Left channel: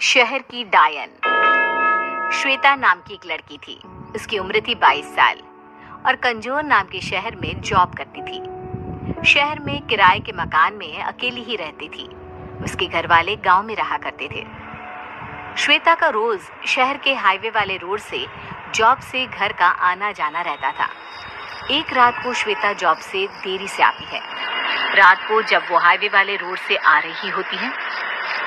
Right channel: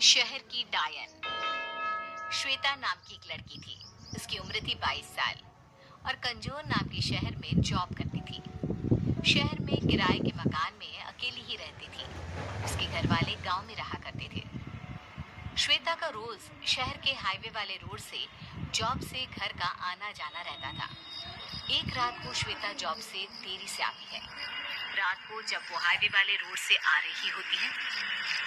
शहर की डायन। श्वेता नाम की एक लड़की थी। उसकी उम्र थी 22 साल और कंजोर नाम के शहर में जॉब करती थी। शहर में किराए के मकान में अकेली ही रहती थी। उसके घर वाले गांव में रहा करते थे। श्वेता का रोज शहर के हाईवे वाले रोड से जॉब से घर का आना जाना रहता था। एक रात को श्वेता जॉब से देरी से आती है। रात को जब वो हाईवे वाले रोड से आ रही होती है,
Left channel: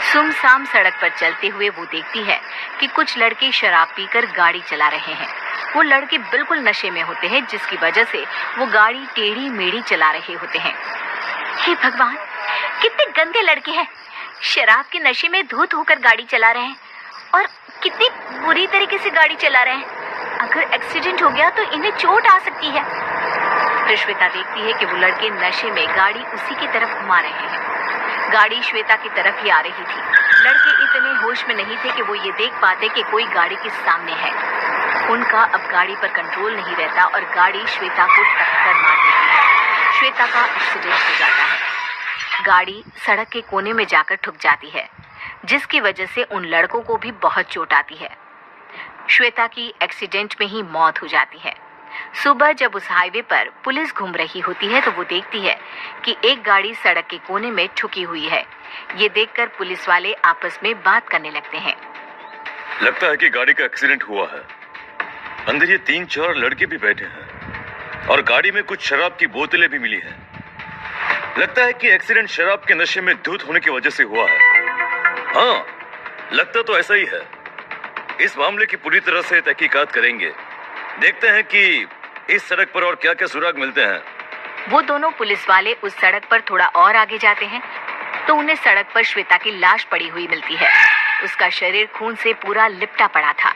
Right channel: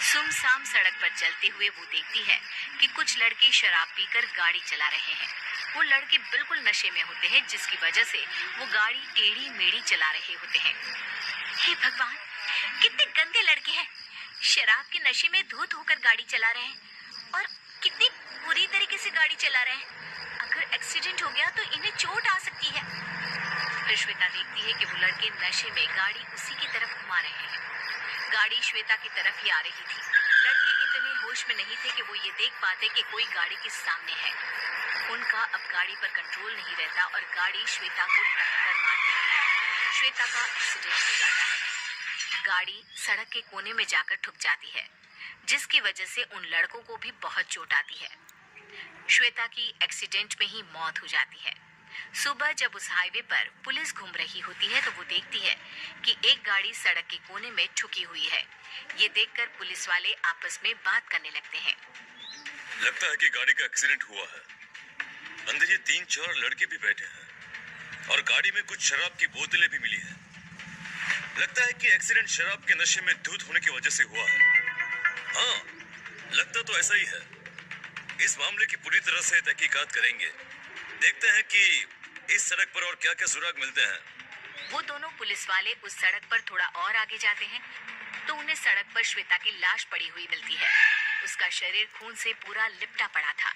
सुमसाम सड़क पर चलते हुए वो देखती है कि कुछ लड़के शराब पीकर गाड़ी चला रहे हैं। वो लड़के बिल्कुल नशे में होते हैं, जिसकी वजह से वो गाड़ी टेढ़ी मेढ़ी चला रहे होते हैं। हे भगवान, कितने गंदे लड़के हैं। शराब के नशे में धुत होकर गाड़ी चला रहे हैं और कितनी बुरी तरीके से गाड़ी चला रहे हैं। अगर एक्सीडेंट हो गया तो इन्हें चोट आ सकती है। फिर श्वेता देखती है कि वो लड़के नशे में गाड़ी उसी की तरफ घुमा रहे हैं। गाड़ी श्वेता की तरफ ही आ रही थी। लड़के इतने होश में नहीं थे कि वो ये देख पाते कि कोई गाड़ी के सामने है। उनका अब गाड़ी पर कंट्रोल नहीं रहता और गाड़ी श्वेता को टक्कर मार देती है। श्वेता का एक्सीडेंट हो जाता है। गाड़ी सड़क के कोने में जाकर ठुक जाती है, जिसकी वजह से उन लड़कों को भी बहुत चोट आती है। श्वेता की एक्सीडेंट में ही मौत हो जाती है। सुबह जब उस हाईवे पर पुलिस घूम रही होती है तो वो देखती है कि एक गाड़ी सड़क के कोने में ठुकी हुई है। ये देखकर पुलिस वाले आपस में बात करने लगते हैं। लगता है कि गाड़ी का एक्सीडेंट हुआ है। अंदर ये 3-4 लड़के भी बैठे हैं और गाड़ी में कुछ शराब की बोतलें भी मिली हैं। लगता है कि एक्सीडेंट शराब के नशे में धुत होने की वजह से हुआ है। हाँ, लगता तो ऐसा ही है। इस मामले की पूरी तरह से तहकीकात करेंगे। देखते हैं कि इस सड़क पर और क्या क्या सुराग मिलते हैं। वो दोनों पुलिस वाले उस सड़क पर थोड़ा और आगे जाते हैं तो उन्हें सड़क पर श्वेता की लाश पड़ी हुई मिलती है। उसका शरीर खून से पूरा लिपटा पड़ा था।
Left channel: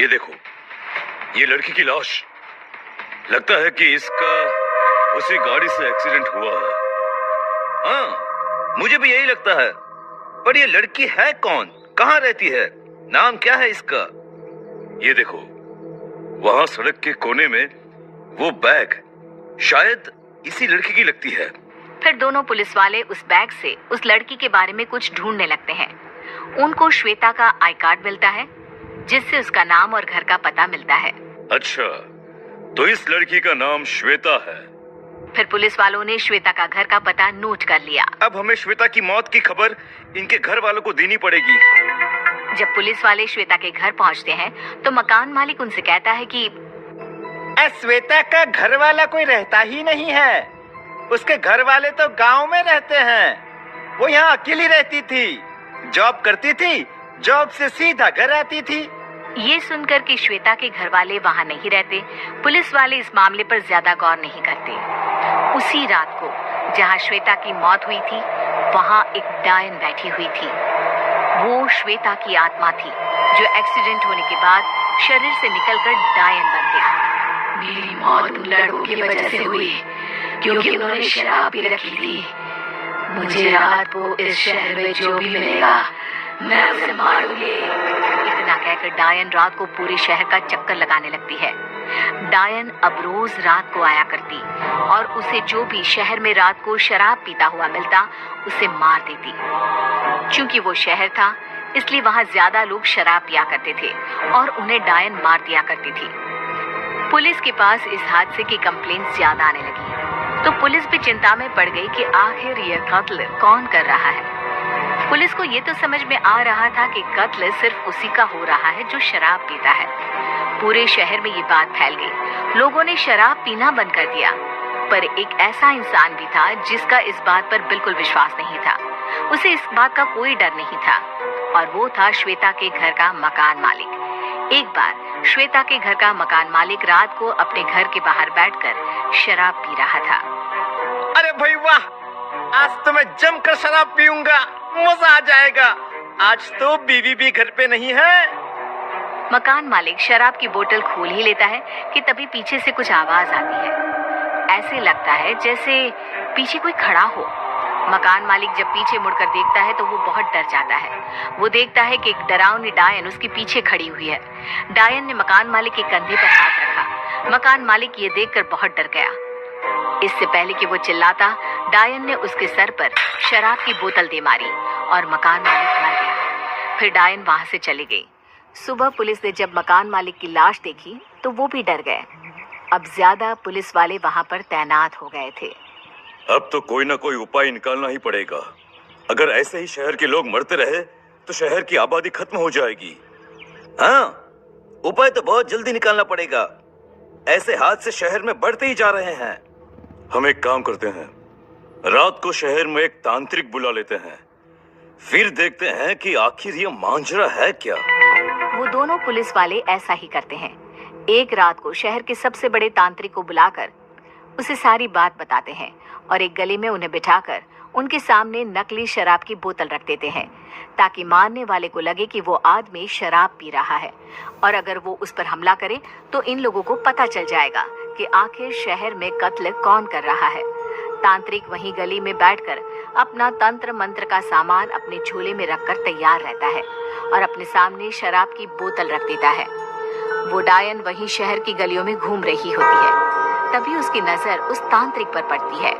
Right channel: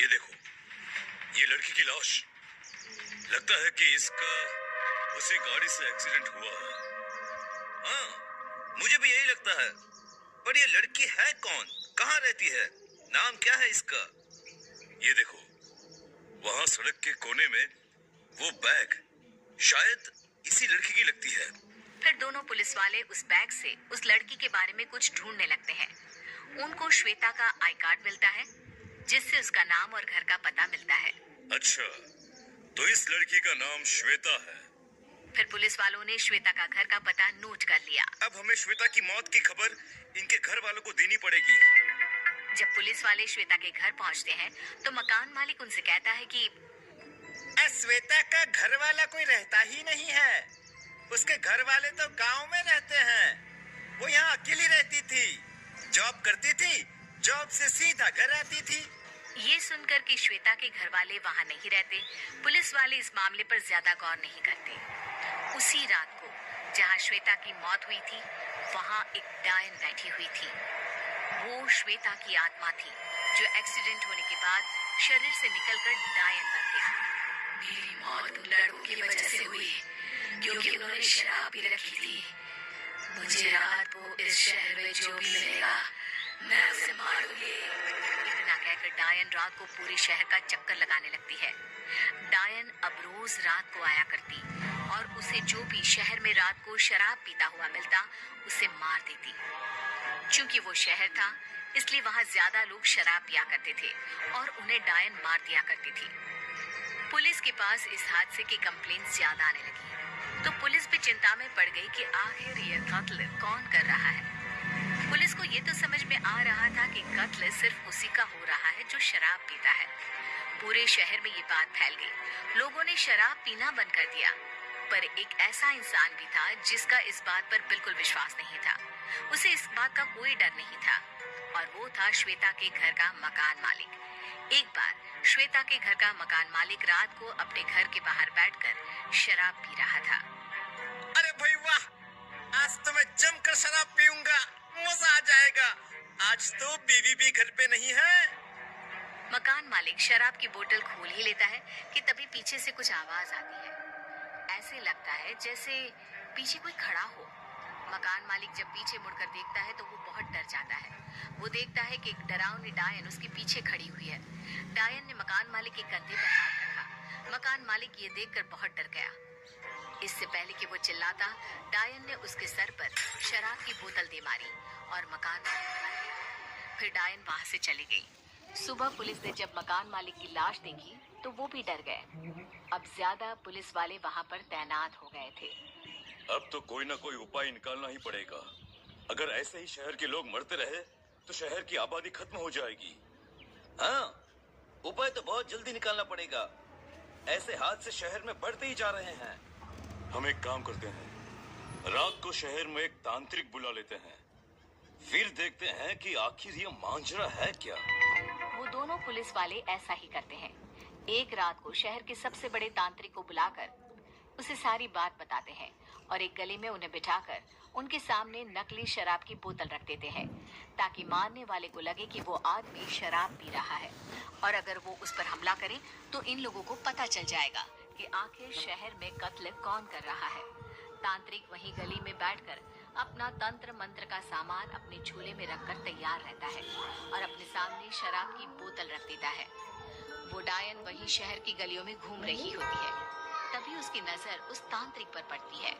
ये देखो, ये लड़की की लाश। लगता है कि इसका उसी गाड़ी से एक्सीडेंट हुआ है। हाँ, मुझे भी यही लगता है। पर ये लड़की है कौन? कहाँ रहती है? नाम क्या है इसका? ये देखो, वहां सड़क के कोने में वो बैग शायद इसी लड़की की लगती है। फिर दोनों पुलिस वाले उस बैग से उस लड़की के बारे में कुछ ढूंढने लगते हैं। उनको श्वेता का आई कार्ड मिलता है, जिससे उसका नाम और घर का पता मिलता है। अच्छा, तो इस लड़की का नाम श्वेता है। फिर पुलिस वालों ने श्वेता का घर का पता नोट कर लिया। अब हमें श्वेता की मौत की खबर इनके घर वालों को देनी पड़ेगी। जब पुलिस वाले श्वेता के घर पहुंचते हैं तो मकान मालिक उनसे कहता है कि श्वेता का घर वाला कोई रहता ही नहीं है। उसके घर वाले तो गांव में रहते हैं। वो यहाँ अकेली रहती थी, जॉब करती थी, जॉब से सीधा घर आती थी। ये सुनकर कि श्वेता के घर वाले वहाँ नहीं रहते, पुलिस वाले इस मामले पर ज्यादा गौर नहीं करते। उसी रात को जहाँ श्वेता की मौत हुई थी, वहाँ एक डायन बैठी हुई थी। वो श्वेता की आत्मा थी, जो एक्सीडेंट होने के बाद शरीर से निकलकर डायन बन गई। मेरी मौत उन लड़कों की वजह से हुई, क्योंकि उन्होंने शराब पी रखी थी। मुझे रात को इस शहर में जो भी मिलेगा, मैं उसे मारूंगी। इतना कहकर डायन रात को पूरे शहर का चक्कर लगाने लगती है। डायन अब रोज रात को आया करती और उसे जो भी शहर में रात को शराब पीता हुआ मिलता, उसे मार देती। चूंकि वो शहर था, इसलिए वहाँ ज्यादा लोग शराब पिया करते थे और उन्हें डायन मार दिया करती थी। पुलिस के पास इस हादसे की कंप्लेंट्स ज्यादा आने लगी, तो पुलिस भी चिंता में पड़ गई कि आखिर ये कत्ल कौन कर रहा है। पुलिस को ये तो समझ में आ रहा था कि कत्ल सिर्फ उसी का हो रहा है जो शराब पीता है। पूरे शहर में ये बात फैल गई। लोगों ने शराब पीना बंद कर दिया, पर एक ऐसा इंसान भी था जिसका इस बात पर बिल्कुल विश्वास नहीं था। उसे इस बात का कोई डर नहीं था, और वो था श्वेता के घर का मकान मालिक। एक बार श्वेता के घर का मकान मालिक रात को अपने घर के बाहर बैठकर शराब पी रहा था। अरे भाई वाह, आज तो मैं जमकर शराब पीऊंगा, मजा आ जाएगा। आज तो बीवी भी घर पे नहीं है। मकान मालिक शराब की बोतल खोल ही लेता है कि तभी पीछे से कुछ आवाज आती है। ऐसे लगता है जैसे पीछे कोई खड़ा हो। मकान मालिक जब पीछे मुड़कर देखता है तो वो बहुत डर जाता है। वो देखता है कि एक डरावनी डायन उसके पीछे खड़ी हुई है। डायन ने मकान मालिक के कंधे पर हाथ रखा। मकान मालिक ये देखकर बहुत डर गया। इससे पहले कि वो चिल्लाता, डायन ने उसके सर पर शराब की बोतल दे मारी और मकान मालिक मर गया। फिर डायन वहां से चली गई। सुबह पुलिस ने जब मकान मालिक की लाश देखी तो वो भी डर गए। अब ज्यादा पुलिस वाले वहां पर तैनात हो गए थे। अब तो कोई ना कोई उपाय निकालना ही पड़ेगा। अगर ऐसे ही शहर के लोग मरते रहे तो शहर की आबादी खत्म हो जाएगी। हाँ, उपाय तो बहुत जल्दी निकालना पड़ेगा। ऐसे हादसे शहर में बढ़ते ही जा रहे हैं। हम एक काम करते हैं, रात को शहर में एक तांत्रिक बुला लेते हैं, फिर देखते हैं कि आखिर ये मांजरा है क्या। वो दोनों पुलिस वाले ऐसा ही करते हैं। एक रात को शहर के सबसे बड़े तांत्रिक को बुलाकर उसे सारी बात बताते हैं और एक गली में उन्हें बिठाकर उनके सामने नकली शराब की बोतल रख देते हैं, ताकि मारने वाले को लगे कि वो आदमी शराब पी रहा है, और अगर वो उस पर हमला करे तो इन लोगों को पता चल जाएगा कि आखिर शहर में कत्ल कौन कर रहा है। तांत्रिक वहीं गली में बैठकर अपना तंत्र मंत्र का सामान अपने झोले में रखकर तैयार रहता है और अपने सामने शराब की बोतल रख देता है। वो डायन वहीं शहर की गलियों में घूम रही होती है। तभी उसकी नजर उस तांत्रिक पर पड़ती है।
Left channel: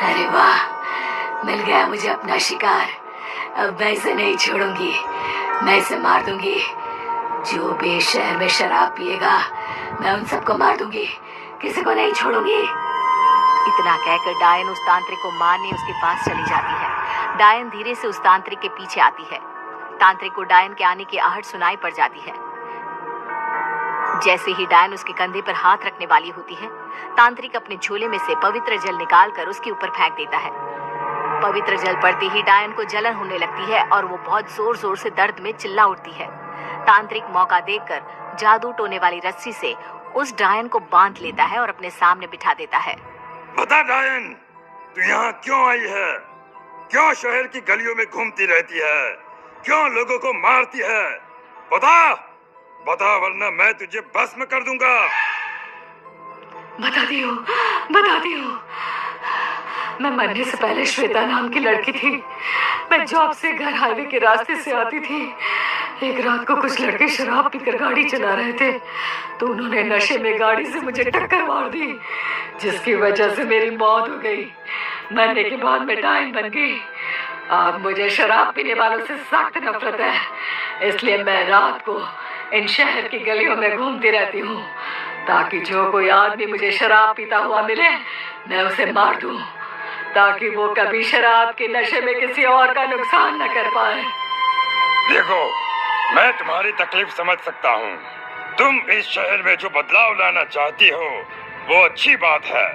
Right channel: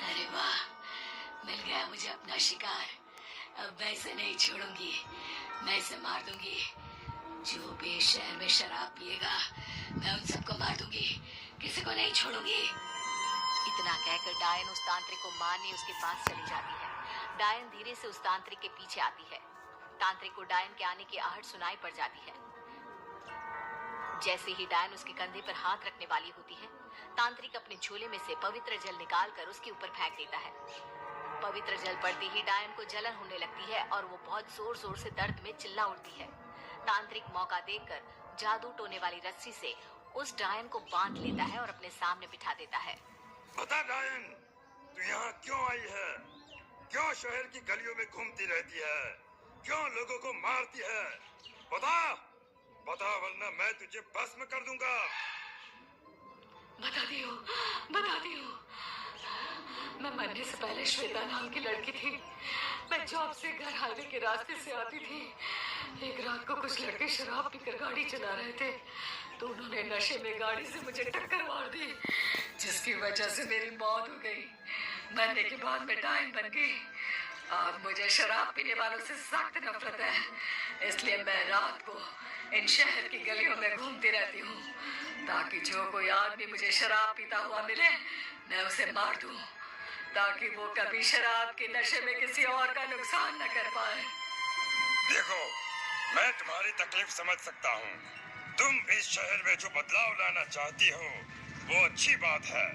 अरे वाह, मिल गया मुझे अपना शिकार। अब मैं इसे नहीं छोड़ूंगी, मैं इसे मार दूंगी। जो भी इस शहर में शराब पिएगा मैं उन सबको मार दूंगी, किसी को नहीं छोड़ूंगी। इतना कहकर डायन उस तांत्रिक को मारने उसके पास चली जाती है। डायन धीरे से उस तांत्रिक के पीछे आती है। तांत्रिक को डायन के आने की आहट सुनाई पड़ जाती है। जैसे ही डायन उसके कंधे पर हाथ रखने वाली होती है, तांत्रिक अपने झोले में से पवित्र जल निकालकर उसके ऊपर फेंक देता है। पवित्र जल पड़ते ही डायन को जलन होने लगती है और वो बहुत जोर जोर से दर्द में चिल्ला उठती है। तांत्रिक मौका देखकर जादू टोने वाली रस्सी से उस डायन को बांध लेता है और अपने सामने बिठा देता है। बता डायन, तू यहाँ क्यों आई है? क्यों शहर की गलियों में घूमती रहती है? क्यों लोगों को मारती है? बता, बता, वरना मैं तुझे भस्म कर दूंगा। बताती हूँ। मैं मरने से पहले श्वेता नाम की लड़की थी। मैं जॉब से घर हाईवे के रास्ते से आती थी। एक रात को कुछ लड़के शराब पीकर गाड़ी चला रहे थे तो उन्होंने नशे में गाड़ी से मुझे टक्कर मार दी, जिसकी वजह से मेरी मौत हो गई। मरने के बाद मैं डायन बन गई। अब मुझे शराब पीने वालों से सख्त नफरत है, इसलिए मैं रात को इन शहर की गलियों में घूमती रहती हूँ, ताकि जो कोई आदमी मुझे शराब पीता हुआ मिले मैं उसे मार दूँ, ताकि वो कभी शराब के नशे में किसी और का नुकसान न कर पाए। देखो, मैं तुम्हारी तकलीफ समझ सकता हूँ। तुम इस शहर में जो बदलाव लाना चाहती हो वो अच्छी बात है,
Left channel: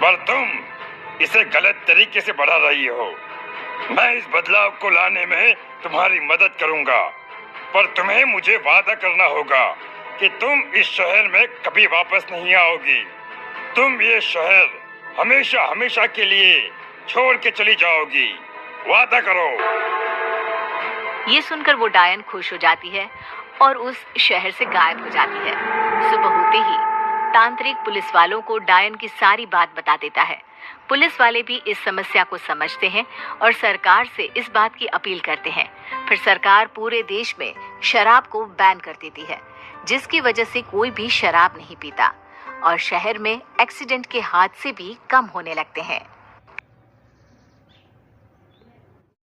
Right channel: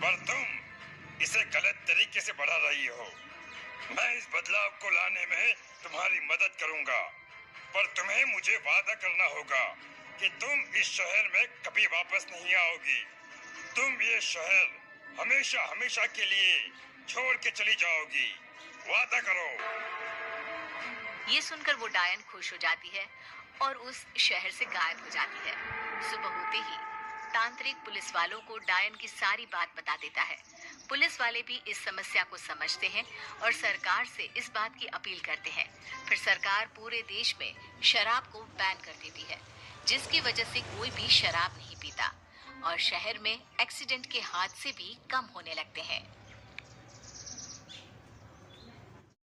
पर तुम इसे गलत तरीके से बढ़ा रही हो। मैं इस बदलाव को लाने में तुम्हारी मदद करूँगा, पर तुम्हें मुझे वादा करना होगा कि तुम इस शहर में कभी वापस नहीं आओगी। तुम ये शहर हमेशा हमेशा के लिए छोड़ के चली जाओगी। वादा करो। ये सुनकर वो डायन खुश हो जाती है और उस शहर से गायब हो जाती है। सुबह होते ही तांत्रिक पुलिस वालों को डायन की सारी बात बता देता है। पुलिस वाले भी इस समस्या को समझते हैं और सरकार से इस बात की अपील करते हैं। फिर सरकार पूरे देश में शराब को बैन कर देती है, जिसकी वजह से कोई भी शराब नहीं पीता और शहर में एक्सीडेंट के हादसे भी कम होने लगते हैं।